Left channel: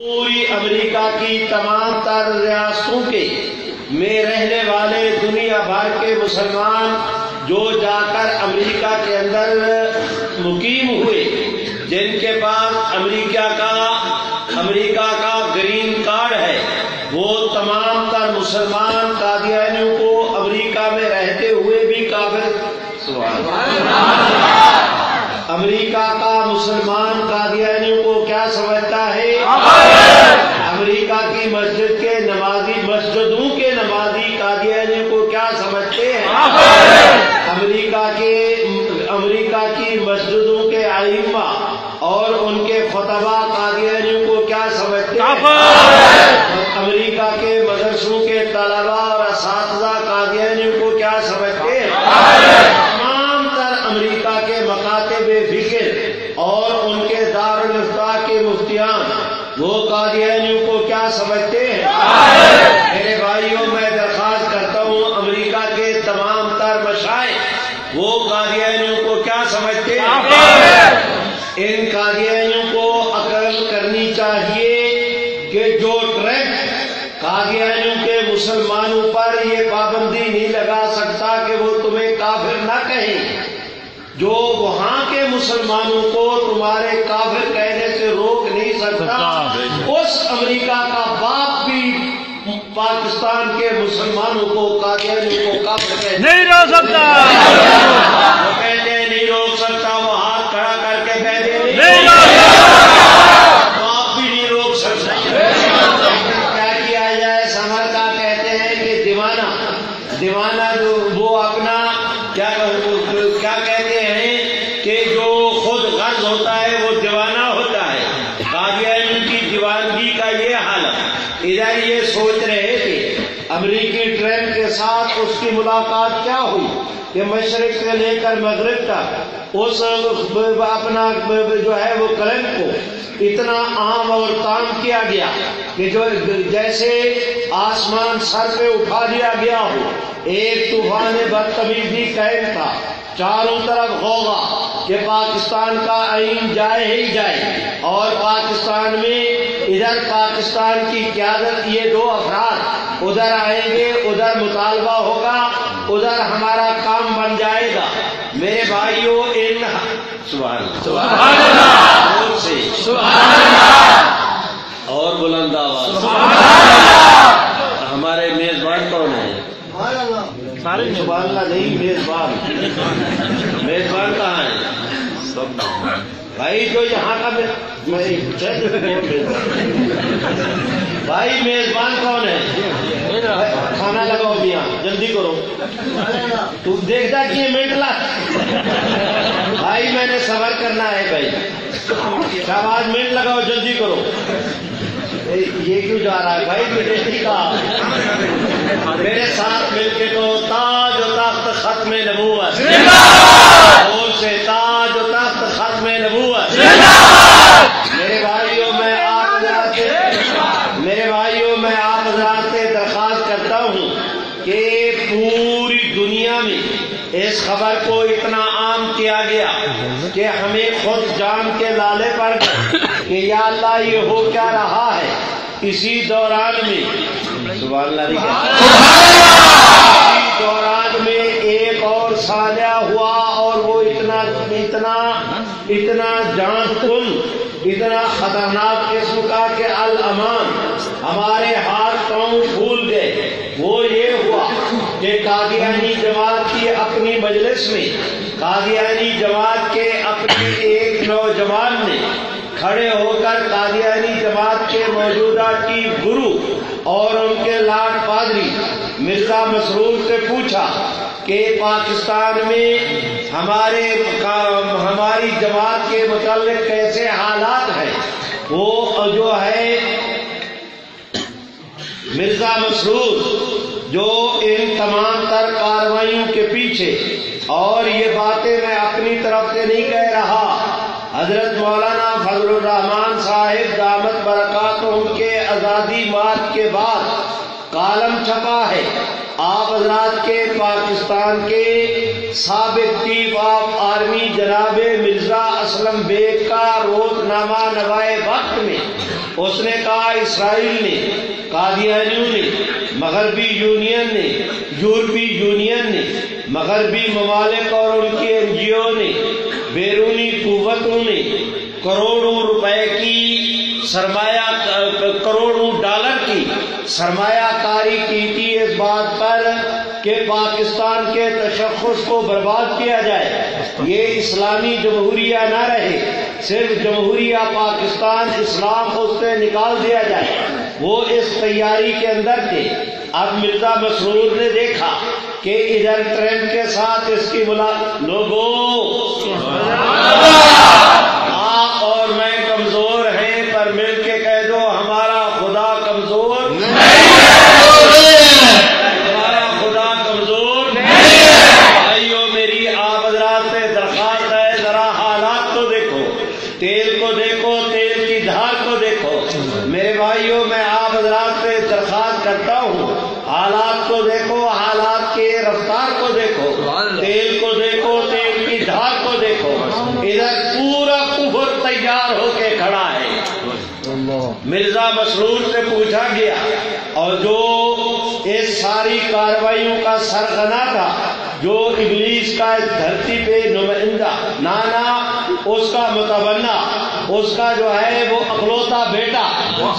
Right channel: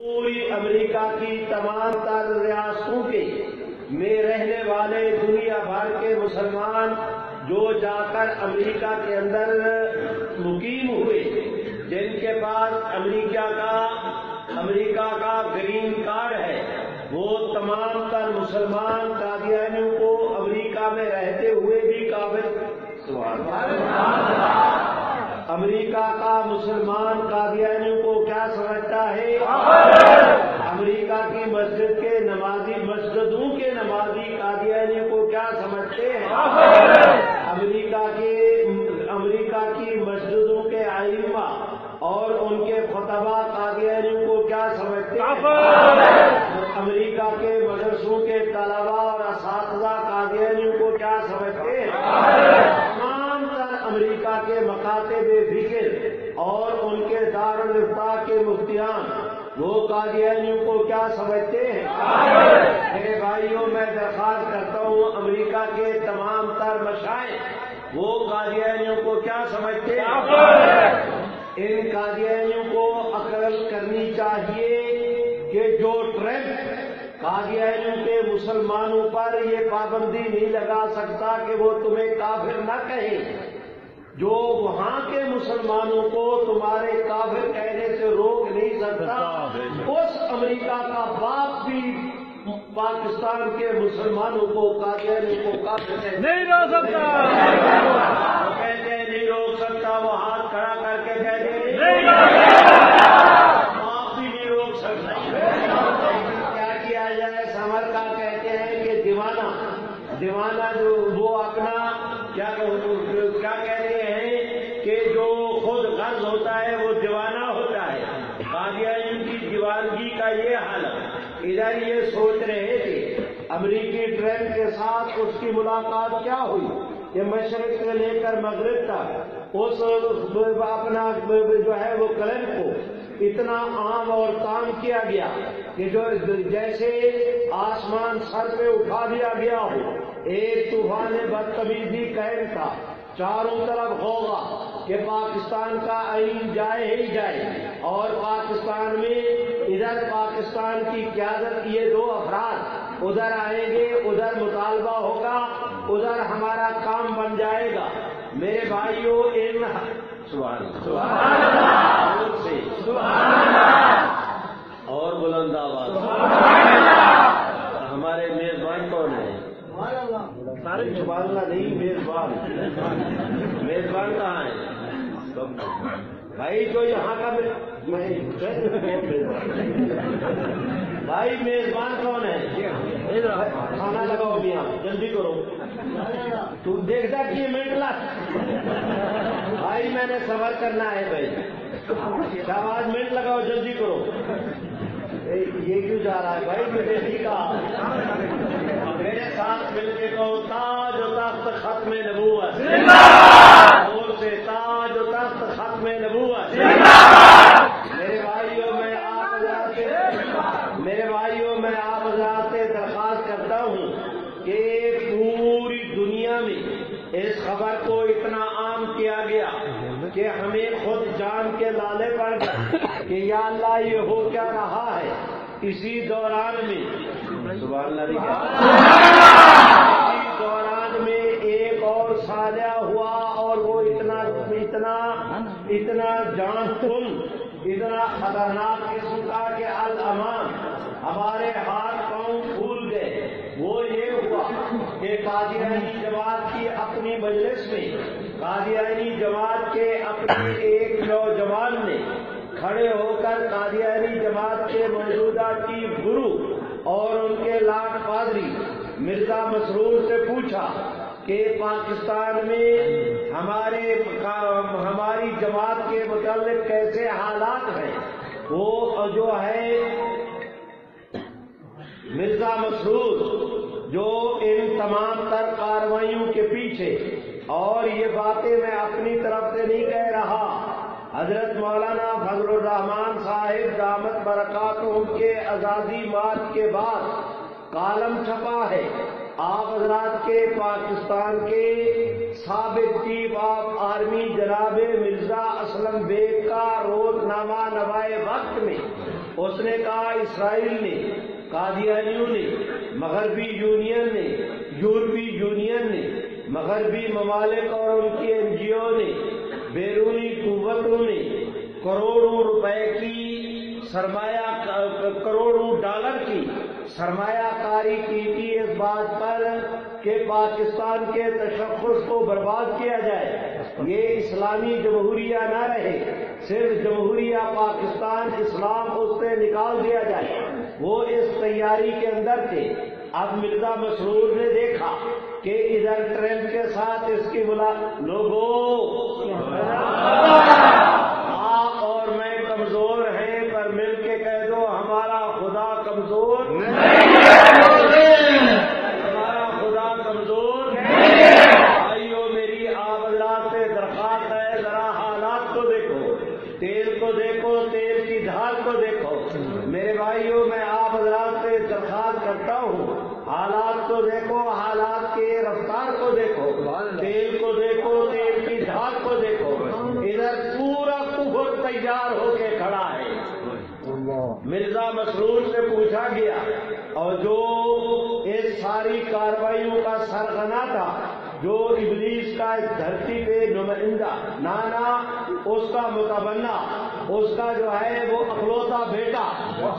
پوری امریکہ کی تمام تر ریاستوں کے میں رہنے والے دنیا بھر کے مسلمان جو جا کر امریکہ کے اندر مقیم ہوئے، جن کے پاس امریکہ کا گرین کارڈ ہے، وہ تمام تر مسلمان قادیانیوں کو امریکہ میں رہتے ہوئے بھی کافر امریکہ کا مسلمان قادیانیوں کو کیا سمجھتا ہے؟ امریکہ کی مسجدوں کے نمازی قادیانیوں کو کیا سمجھتے ہیں؟ امریکہ کی مسجدوں کے ائمہ اور ان کے خطبہ قادیانیوں کو کیا سمجھتے ہیں؟ امریکہ کے مدرسوں کے طلبہ اور اساتذہ قادیانیوں کو کیا سمجھتے ہیں؟ تمام تر امریکہ کے مکاتب فکر اور ان کے دارالافتاء کے مفتیان وہ قادیانیوں کو کیا سمجھتے ہیں؟ میرے بھائیوں، میں درخواست کرتا ہوں امریکہ کے تمام تر مشائخ وہ قادیانیوں کو کیا سمجھتے ہیں؟ ان قادیانیوں کو عقل کرنی چاہیے کہ جو ٹرمپ قادیانیوں کے مسلمانوں پر یہ پابندی نہیں لگا سکتا کہ وہ تمہیں کافر نہ کہیں، جو وہاں کے مسلمانوں کو تمہارے کافر کہنے سے روک نہیں سکتا، اس امریکہ کا باپ بھی پاکستان کے مسلمانوں کو قادیانیوں کو کافر کہنے نہیں روک سکتا، وہ کہتے ہیں نہیں روک سکتا، وہ ہاتھ کھڑا کر کے کہتے ہیں نہیں روک سکتا، باپ بھی نہیں روک سکتا۔ کیا کیا جائے؟ سمر کا کہتے ہیں کہ دیوانہ جو وہ اپنا کیا کہتے ہیں کہ جو خود غرض ہوتا ہے وہ دیوانہ ہوتا ہے۔ قادیانیوں کی دیوانگی کا یہ حالت، ادھر یہ سوچ رہے تھے امریکی ٹرمپ کے ساتھ اس کی ملاقات کیا ہوئی کہ مشرق سے لے کر مغرب تک اس اپنا جو ہے وہ کلم کو اتنا عام اور تام کیا گیا کہ جو جیسے آسمان سر پہ اٹھا لیا گیا ہو، ایک طوفان بدتمیزی قائم تھا، چاروں طرف ہوگا کہ پاکستان کا آئین جائے ہی جائے، اور پاکستان میں ادھر پاکستان کی قیادت یہ دو افراد ادھر آئیں گے، ادھر مطالبہ ہوگا، ادھر ہمارا کام بن جائے گا۔ میرے بھائیوں، ان سبحان اللہ سے اور بلند آواز ہمارے میزبان کون ہیں؟ سبحان اللہ نہیں، میزبان کہاں ہے؟ بھائی جو یہاں کا بھائی میزبان کون ہے؟ کھانا لگاؤ میاں، جلدی کرو، تو دیکھتا کہ یہ منٹ بھائی میں نے صبر کرنا ہے بھائی، شہباز منٹ لگاؤ، جلدی کرو۔ یہ کیوں جا رہا ہے بھائی؟ میرے ساتھ مل کے تو تاج و تخت ختم نبوت، اور سے تاج و تخت ختم نبوت۔ میں آپ حضرات سے درخواست کرتا ہوں کہ پوری دنیا میں اس خبر کو اتنا عام کیا گیا کہ ہمیں خود جان کے لالے پڑ گئے کہ یا اللہ یہ ہو کیا رہا ہے۔ اسی دوران میں سبحان اللہ، اسی دوران میں ایک اور سانحہ ہوا، اور وہ اتنا جان کن، اتنا خطرناک قسم کا کہ الامان ہمارے ہاتھ پاؤں پھول گئے۔ وہ یہ ہوا کہ قادیانی جماعت کی اپنی مجلس میں قادیانی جماعت کے اپنے ایک نوجوان نے کھڑے ہو کر قادیانی جماعت کے موجودہ چیف گرو اور ان کے لاڈ پادری مرزا مسرور سے پوچھا کہ پاکستان میں ہماری جماعت کے متعلق کیسے حالات ہیں۔ وہ جو ہے مرزا مسرور جو ان تمام تر کارروائیوں کے پیچھے، اور یہ باتیں میں اپنی طرف سے نہیں کہہ رہا، حضرت مولانا فضل الرحمان صاحب دامت برکاتہم کے آزادی مارچ کے بعد کالم چھپا ہے۔ آپ حضرات کے پاکستان کے سابق چیف آف آرمی جناب مرزا اسلم بیگ کا روزنامہ نوائے وقت میں اس نے کہا اسرائیل نے، قادیانیوں نے، مغربی یونین نے، یورپی یونین نے، مغربی ممالک اور ان کی این جی او نے، بیرونی قوتوں نے کروڑوں روپے کی کروڑوں ڈالر کی سرمایہ کاری کی تھی اس بات پر کہ پاکستان کے تشخص کو برباد کیا جائے، یہ اسلامی جمہوریہ نہ رہے، صرف جمہوریہ پاکستان اسلام اس سے نکال دیا جائے۔ وہ اس تیاری کے اندر تھے۔ اب مرزا مسرور نے دیکھا کہ ادھر ٹرمپ کے ساتھ اس کی ملاقات، لوگوں آپ اور میں کمزور ہیں، پر مل کے کہہ دو ہمارا خدا کمزور ہمارا خدا کمزور بھائیو، میری آپ حضرات سے درخواست ہے، ذرا حالات کو دیکھو، تیل کو دیکھو، تیل کی دھار کو دیکھو۔ میرے بھائیو، میں آپ حضرات سے درخواست کرتا ہوں، حالات کو دیکھو، حالات کے رفتار کو دیکھو، تیل کو دیکھو، تیل کی دھار کو دیکھو۔ ادھر پورا کفر تیار ہو کے کھڑا ہے۔ مرزا مسرور سے پوچھا گیا، اور جو اس ساری کارروائیوں کا سرغنہ تھا، جو ابلیس کا اس دھرتی پہ نمائندہ، نانا اس کا متبنہ، اس کا جو ہے وہ اکلوتا بیٹا،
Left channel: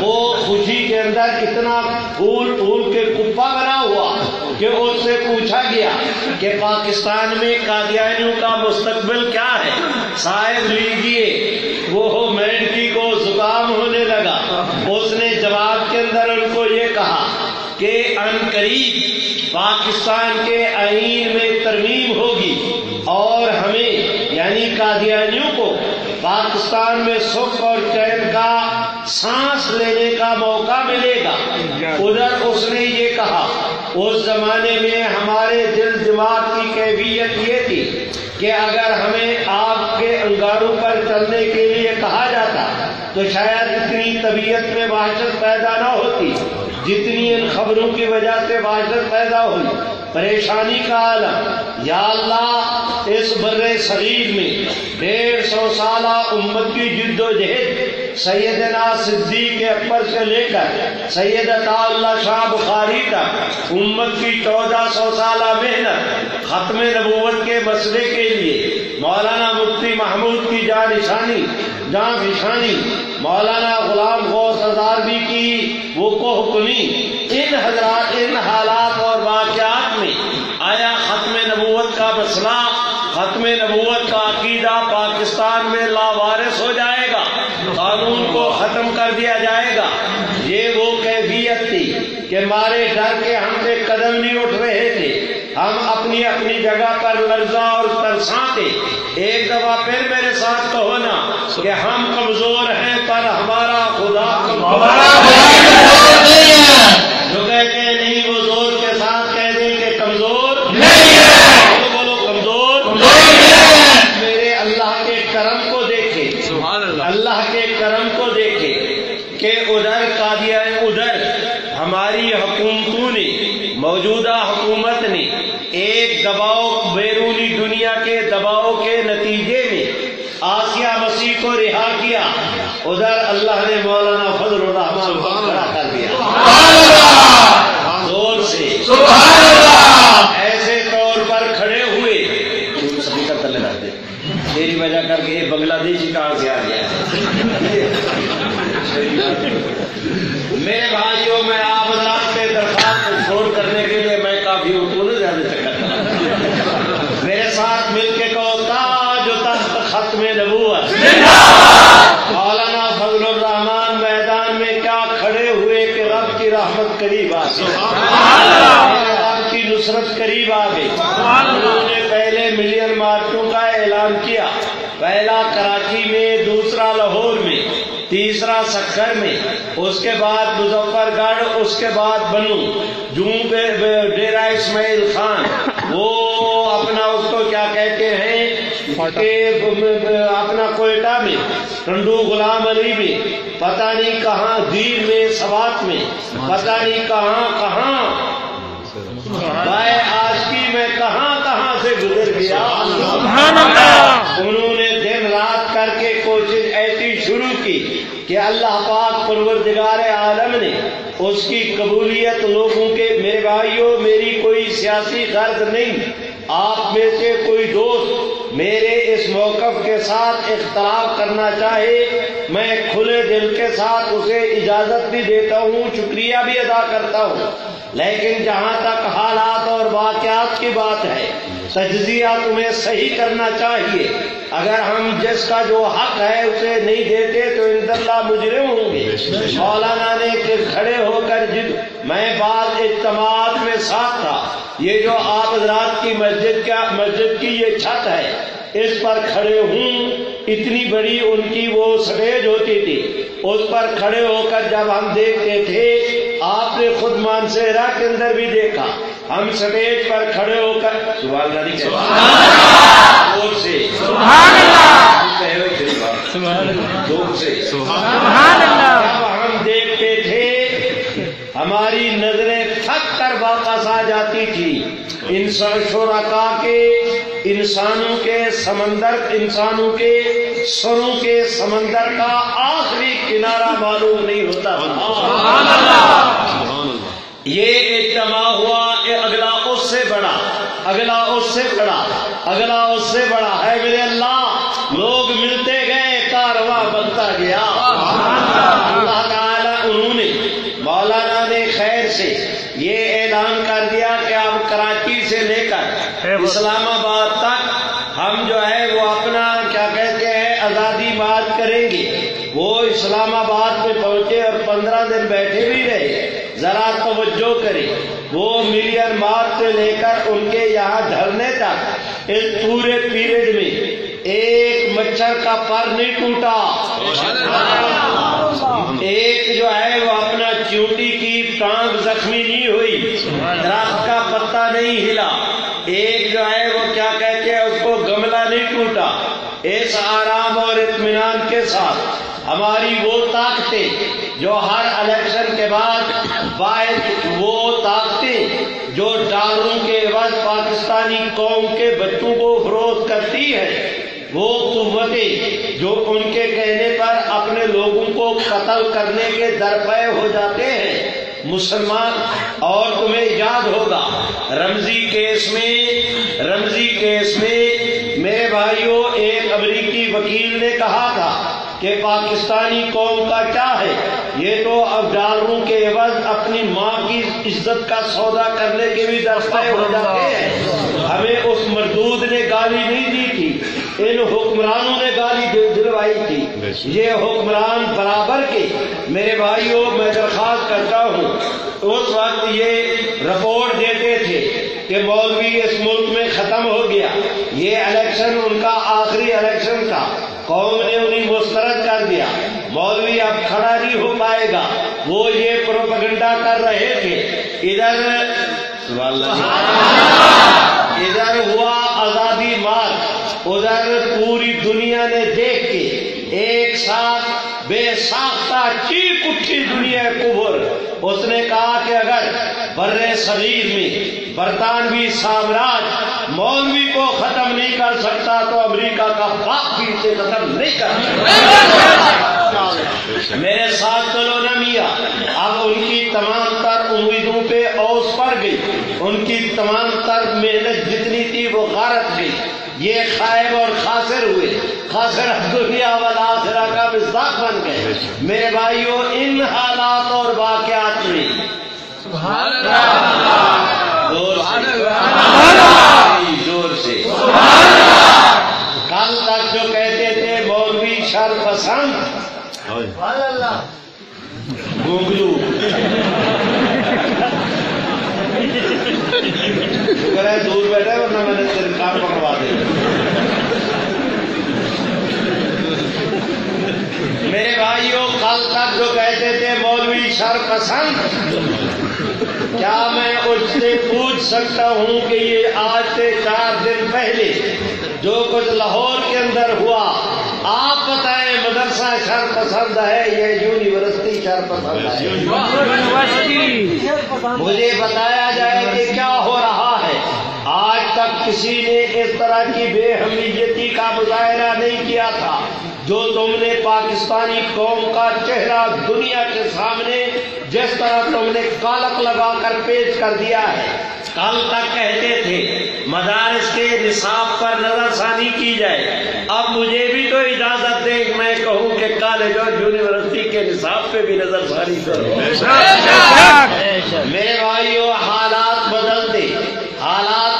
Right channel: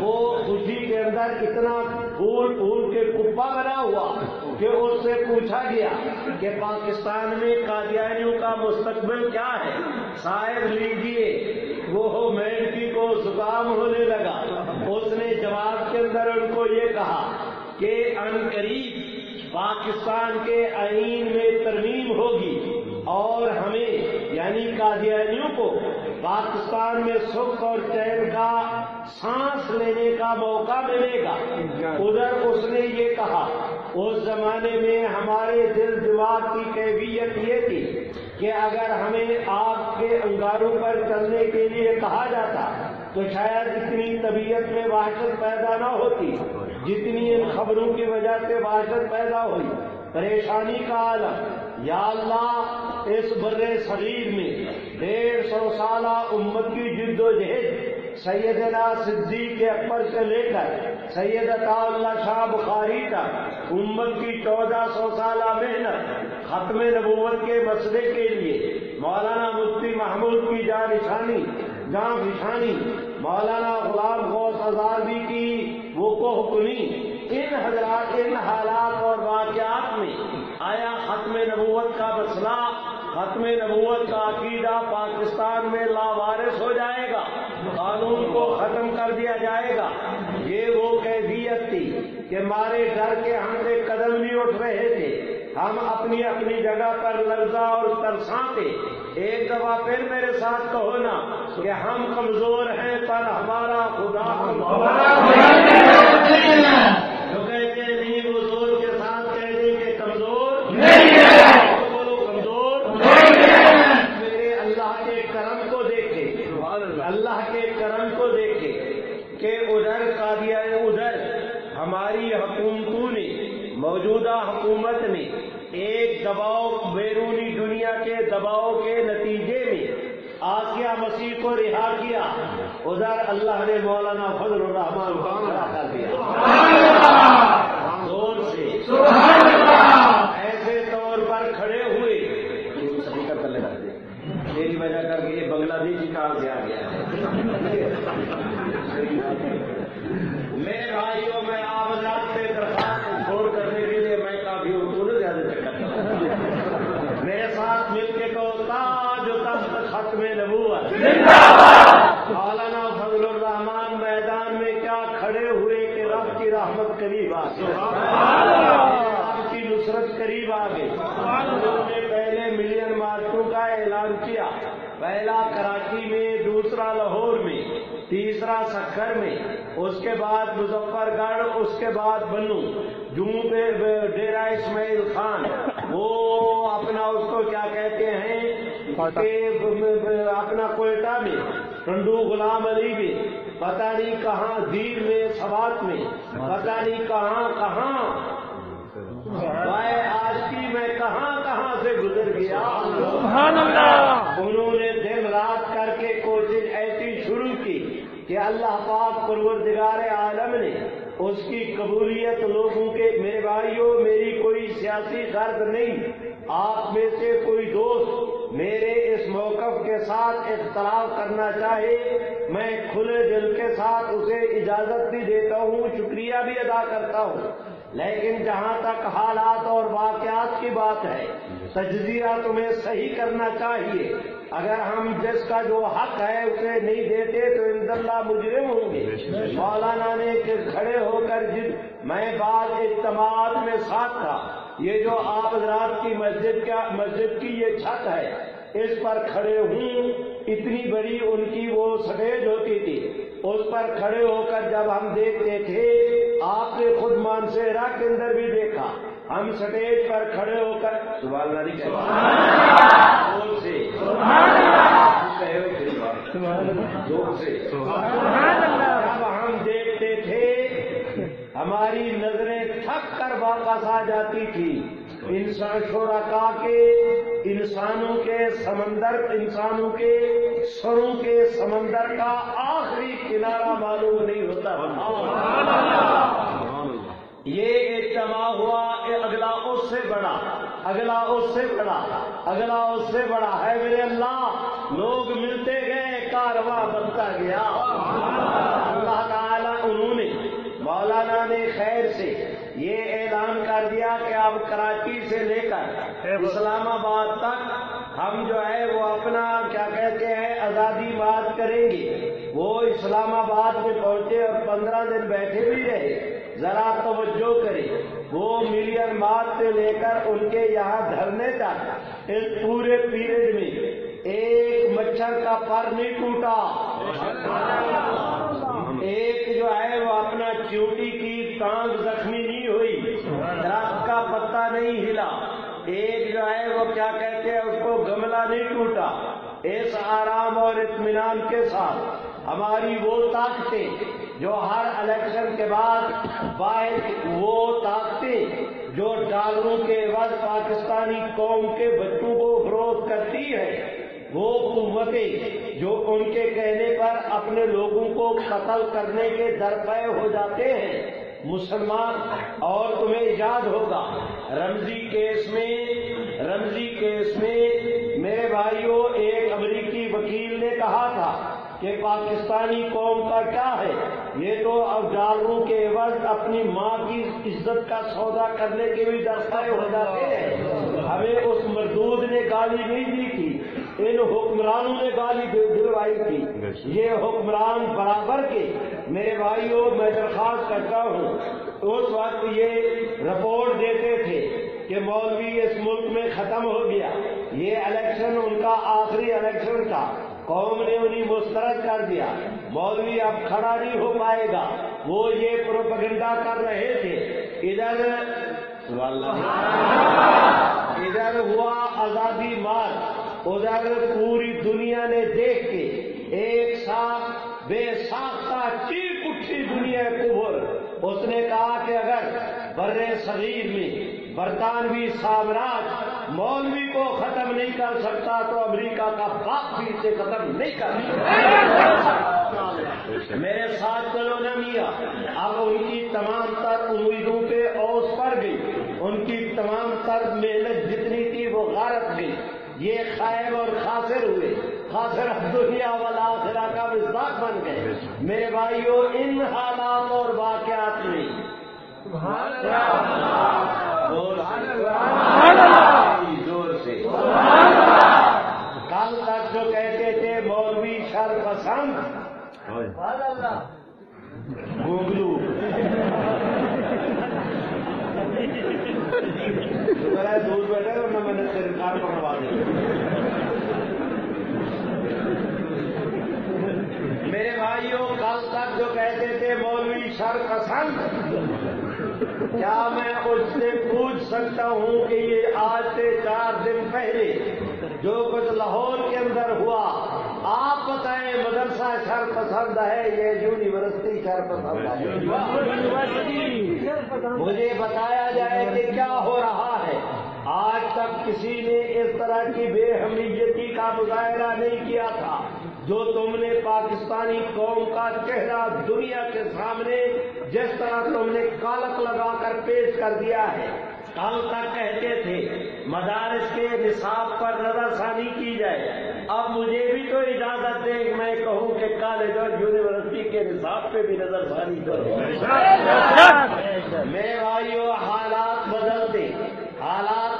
وہ خوشی کے اندر اتنا پھول پھول کے کپا بنا ہوا کہ اس سے پوچھا گیا کہ پاکستان میں قادیانیوں کا مستقبل کیا ہے، صاحب لیجیے۔ وہ مینڈکی کو زکام ہونے لگا۔ اس نے جواب کے اندر ان کو یہ کہا کہ عنقریب پاکستان کے آئین میں ترمیم ہوگی اور ہمیں یعنی قادیانیوں کو پاکستان میں سکھ اور چین کا سانس لینے کا موقع ملے گا۔ ادھر اس نے یہ کہا، اس زمانے میں ہمارے دل دماغ کی کیفیت یہ تھی کہ اگر ہمیں آگ کے انگاروں پر چلنے کے لیے کہا جاتا تو شاید اتنی طبیعت میں وحشت پیدا نہ ہوتی جتنی ان خبروں کی وجہ سے وحشت پیدا ہوئی۔ پریشانی کا عالم، یا اللہ اس بر صغیر میں 150 سالہ امت کی جد و جہد، سیدنا صدیق اکبر سے لے کر سید عطا اللہ شاہ بخاری تک امت کی 1400 سالہ محنت ختم نبوت کے مسئلے کے لیے مولانا مفتی محمود کی جان فشانی، مولانا غلام غوث ہزاروی کی وہ کوہ کنی، ان حضرات ان حالات اور واقعات میں آیا ختم نبوت کا مسئلہ، ختم نبوت کا عقیدہ پاکستان میں لاوارث ہو جائے گا، قانون کو ختم کر دیا جائے گا؟ یہ وہ کیفیت تھی کہ مارے ڈر کے ہم سے قدم نہیں اٹھ رہے تھے، ہم اپنی اپنی جگہ پر لرزاں اور ترساں تھے۔ ایک دفعہ پھر میرے ساتھ کہو نا کہ ہم کمزور ہیں پر ہمارا خدا کمزور ہے۔ جو کہتے ہیں نہیں وہ زور کے ساتھ کہہ دیں کہ کمزور نہیں ہے، تو بولو کمزور نہیں ہے۔ میرے اللہ کے کرم کو دیکھے، اللہ کے کرم کو دیکھے کہ ادھر ہماری حکومتوں نے، موجودہ حکومت نے ایک دباؤ، بیرونی دنیا کے دباؤ کے نتیجے میں آسیہ مسیح کو رہا کیا، ادھر اللہ نے مولانا فضل الرحمان کو کھڑا کر دیا زور سے، ایسے طور پر کھڑے ہوئے، سپیکر تلے رکھ دے، میری وجہ کر کے یہ بنگلہ دیشی کہاں سے آ گیا ہے۔ میرے بھائیوں، میں آپ حضرات سے درخواست شور کرنے کے لیے میں کافی اردو نے زیادہ چکر چلا، میرے ساتھ مل کے کہو تاج و تخت ختم نبوت، مولانا فضل الرحمان میدان میں کیا کھڑے ہوئے کہ رب کی رحمت قریب آ گئی، رب کی نصرت قریب آ گئی۔ انہوں نے پہلے ملین مارچوں کا اعلان کیا، پہلا کراچی میں، دوسرا لاہور میں، تیسرا سکھر میں، اس کے بعد مظفر گڑھ، اس کے بعد بنو جوں پہ ڈیرہ اسماعیل خان، وہ اپنا اس کو کیا کہتے ہیں اپنا کوئٹہ میں، ٹنڈو غلام علی میں، پتہ نہیں کہاں، دیر میں، سوات میں، پتہ نہیں کہاں کہاں، بائے آشکی میں کہاں سے گزر گیا۔ سبحان اللہ۔ انہوں نے دن رات کر کے کوشش ایسی شروع کی کہ اللہ پاک پروردگار عالم نے اس کی قبولیت لوگوں کے، میرے بھائیوں میری کوئی سیاسی غرض نہیں، آپ میں سے کوئی دوست میرے اس موقف کے ساتھ اختلاف کرنا چاہے میں کھلے دل کے ساتھ اسے اجازت بھی دیتا ہوں، شکریہ بھی ادا کرتا ہوں، لیکن جہاں تک حالات اور واقعات کی بات ہے تجزیہ تمہیں صحیح کرنا چاہیے۔ اگر ہم جس کا جو حق ہے اسے نہیں دیتے تو عند اللہ مجرم ہوں گے۔ مولانا نے کہ کھڑے ہو کر میں بعض اجتماعات میں ساتھ تھا، یہ جو آپ حضرات کی مسجد کی یہ چھت ہے اس پر کھڑے ہوں، اتنی بڑی ان کی وہ سٹیج ہوتی تھی، اس پر کھڑے ہو کر جب ہم دیکھتے تھے، آپ نے خود مانسہرہ کے اندر بھی دیکھا، ہم سٹیج پر کھڑے ہو کر سبحان اللہ نہیں کہتے زور سے زور سے جب ہم دیکھتے تھے ہماری نظریں تھک کر واپس آ جاتی تھی۔ انسان شرکا کے انسانوں کے سروں کے سمندر کا آخری کنارہ معلوم نہیں ہوتا تھا۔ یہ اجتماع ہوا، اگلا اس سے بڑا، اگلا اس سے بڑا، اگلا اس سے بڑا ہے میرے اللہ، لوگ ملتے گئے، کارواں بنتا گیا۔ اللہ تعالیٰ انہوں نے مولانا نے خیر سے یہ اعلان کر دیا کہ اب کراچی سے لے کر اسلام آباد تک ہم جو ہے وہ اپنا کیا کہتے ہیں آزادی مارچ کریں گے۔ وہ اسلام آباد میں پہنچے اور 15 دن بیٹھے بھی رہے، ذرا توجہ کریں، وہ ملین مارچ سے لے کر ان کے یہاں دھرنے تک اس پورے پیریڈ میں ایک مچھر کا پر نہیں ٹوٹا، ایک جو ہے وہ اپنا چیونٹی کی ٹانگ زخمی نہیں ہوئی، درخت کا پتا نہیں ہلا، ایک جو ہے وہ کیا کہتے ہیں اس کو گملہ نہیں ٹوٹا۔ اس آرام اور اطمینان کے ساتھ ہماری وہ طاقتیں جو ہر الیکشن کے بعد باعث وہ طاقتیں جو ڈالروں کے عوض پاکستانی قوم کے بچوں کو فروخت کرتی ہے، وہ قوتیں جو ان کے کہنے پر اپنے لوگوں کو قتل کرنے کے درپے ہو جاتے ہیں مسلمان۔ اور تمہیں یاد ہوگا رمزی کیس میں میرے بھائیوں ایک امریکی وکیل نے کہا تھا کہ پاکستانی قوم کا کیا ہے، یہ تو اب ڈالروں کے عوض اپنی ماں کی عزت کا سودا کرنے کے بھی درپے ہو جاتے ہیں۔ ہمیں اس مردود نے گالی نہیں دی تھی، ان حکمرانوں نے گالی دلوائی تھی۔ یہ حکمران برابر کے میرے بھائیوں میں درخواست کرتا ہوں، اس وقت یہ رپورٹ دیتے تھے کہ مولوی اس ملک میں ختم ہو گیا، یہ الیکشن ان کا آخری الیکشن تھا، قوم نے انہیں مسترد کر دیا، مولوی اب کھڑا نہیں ہو پائے گا، وہ یہ پروپیگنڈا کر رہے تھے۔ ادھر ہوا آزادی مارچ، ادھر پوری دنیا نے دیکھ کے ایک ساتھ بے ساختہ چیخ اٹھی دنیا کفر۔ اس نے کہا کہ اگر بر صغیر میں برطانوی سامراج مولوی کو ختم نہیں کر سکتا تو امریکہ کا باپ بھی اسے ختم نہیں کر سکتا۔ میرے ساتھ چلو نا میاں، اب ان کی تمام تر امیدوں پہ اوس پڑ گئی، ان کی تمام تر محنت جتنی تھی وہ غارت گئی، یہ خائب اور خاسر ہوئے، خاسر دنیا والآخرہ کا مصداق بن گئے۔ میرے بھائیوں ان حالات اور واقعات میں زور سے کل تک جو کہتے تھے مولوی شر پسند گونگلو، شکر ہے دور بیٹھے ورنہ میں نے تیرے کام پکڑوا دے۔ میرے بھائیوں کل تک جو کہتے تھے مولوی شر پسند، کیا میں اس سے پوچھ سکتا ہوں کہ یہ آج سے 4 دن پہلے جو کچھ لاہور کے اندر ہوا، آپ بتائیں مدرسہ شر پسند ہے یا یونیورسٹی شر پسند ہے؟ مجھے بتایا جائے کہ کیا ہو رہا ہے۔ آج تک کسی نے اس طرح کی بے حمیتی کا مظاہرہ نہیں کیا تھا۔ جو تم نے پاکستانی قوم کا چہرہ دنیا کے سامنے جس طرح تم نے کالک لگا کر پیش کر دیا ہے. کل تک کہتے تھے مدارس کے نصاب پر نظر ثانی کی جائے، اب مجھے بھی تو اجازت دیں کہ میں کہوں کہ کالج اور یونیورسٹی کے نصاب پہ بھی نظر ثانی کرو. میرے بھائیو، حالات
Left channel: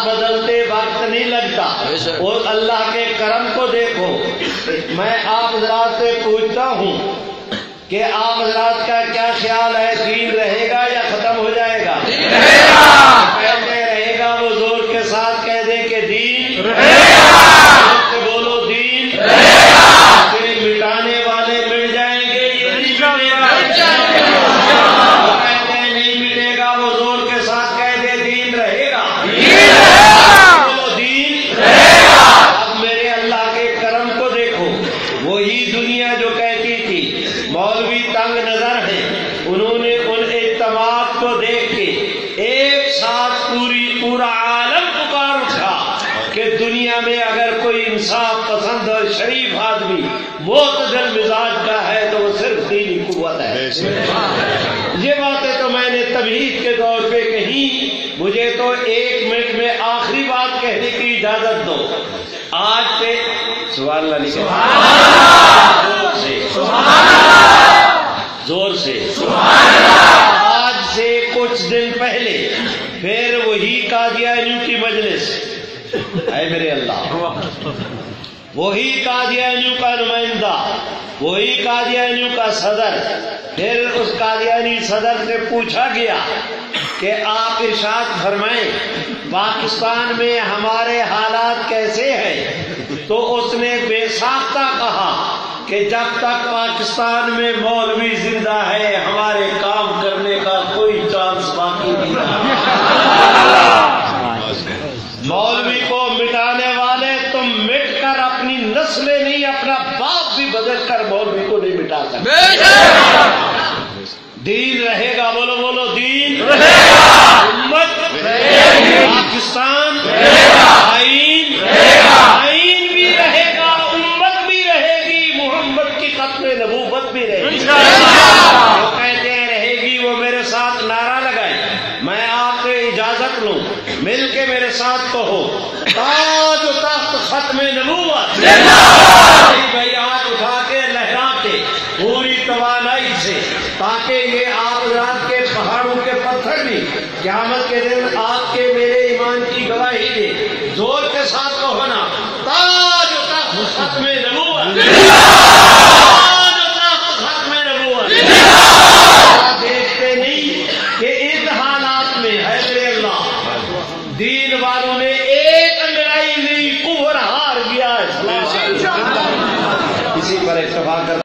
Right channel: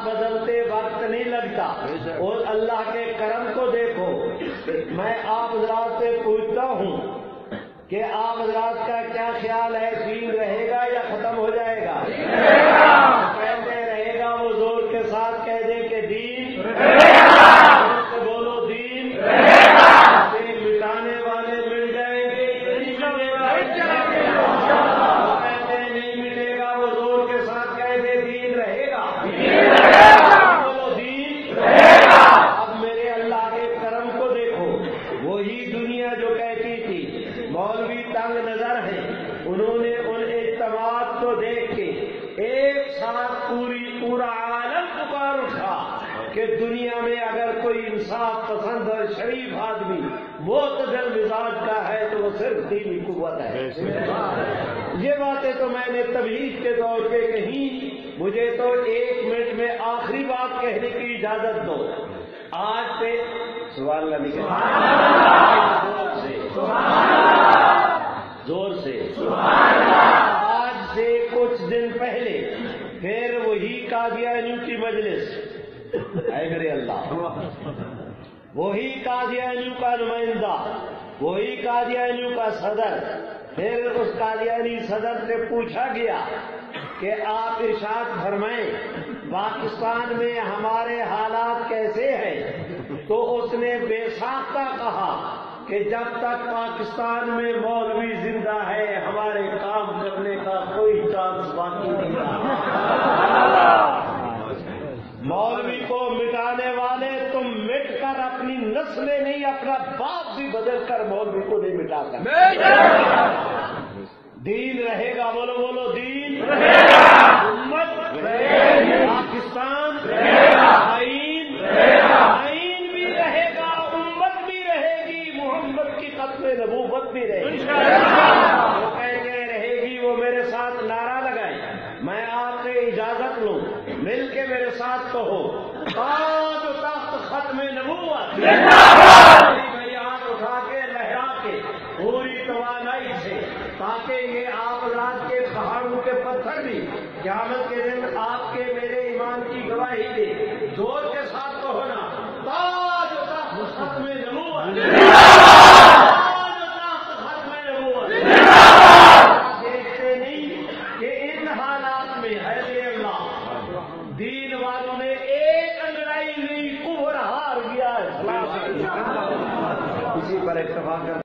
بدلتے وقت نہیں لگتا، اور اللہ کے کرم کو دیکھو. میں آپ حضرات سے پوچھتا ہوں کہ آپ حضرات کا کیا خیال ہے، دین رہے گا یا ختم ہو جائے گا؟ کہتے رہے گا، وہ زور کے ساتھ کہہ دیں کہ دین بولو، دین مٹانے والے مٹ جائیں گے، یہ نہیں مٹے گا. کہتے ہیں نہیں ملے گا، وہ زور کے ساتھ کہہ دے دین رہے گا. بولو دین رہے گا. اب میرے اللہ کے کرم کو دیکھو، وہی دنیا جو کہتی تھی مولوی تنگ نظر ہیں، انہوں نے ان اجتماعات کو دیکھ کے ایک ساتھ پورا عالم پکار اٹھا کہ دنیا میں اگر کوئی انصاف پسند اور شریف آدمی معتدل مزاج کا ہے تو وہ صرف دینی قوت ہے. یہ باتیں تو میں نے تمہید کے دور پہ کہی. مجھے تو 1 منٹ میں آخری بات کہنے کی اجازت دو. آج سے سبحان اللہ نہیں کہتے، زور سے آج سے کچھ دن پہلے پھر وہی قادیانیوں کی مجلس، اے میرے اللہ، وہی قادیانیوں کا نمائندہ، وہی قادیانیوں کا صدر. پھر اس قادیانی صدر سے پوچھا گیا کہ آپ ارشاد فرمائیں پاکستان میں ہمارے حالات کیسے ہیں؟ تو اس نے بے ساختہ کہا کہ جب تک پاکستان میں مولوی زندہ ہے ہمارے کام کرنے کا کوئی چانس باقی نہیں رہا. مولوی کو مٹانے والے تم مٹ کر اپنی نسلیں نہیں، اپنا باپ بھی بدل کر مولوی کو نہیں مٹا سکتے. دین رہے گا. بولو بولو دین رہے گا. امت پاکستان آئین بھی رہے گا، امت بھی رہے گی، محمد کی ختم نبوت بھی رہے گی. وہ کہتے ہیں رہے گی، وہ میرے ساتھ نعرہ لگائیں. میں آپ سے اجازت لوں، مل کے میرے ساتھ کہو تاج و تخت ختم نبوت. بھائی ہاتھ اٹھا کے لہرا کے پوری توانائی سے، تاکہ یہ آپ رات کے پہاڑوں کے پتھر بھی قیامت کے دن آپ کے میرے ایمان کی گواہی دے. زور کے ساتھ کہو نا، تاج و تخت ختم نبوت. دیکھتے نہیں کہ ان حالات میں ہے میرے اللہ دین والوں نے ایک انگڑائی نہیں کفر ہار گیا ہے. اسی پر اتفاق کر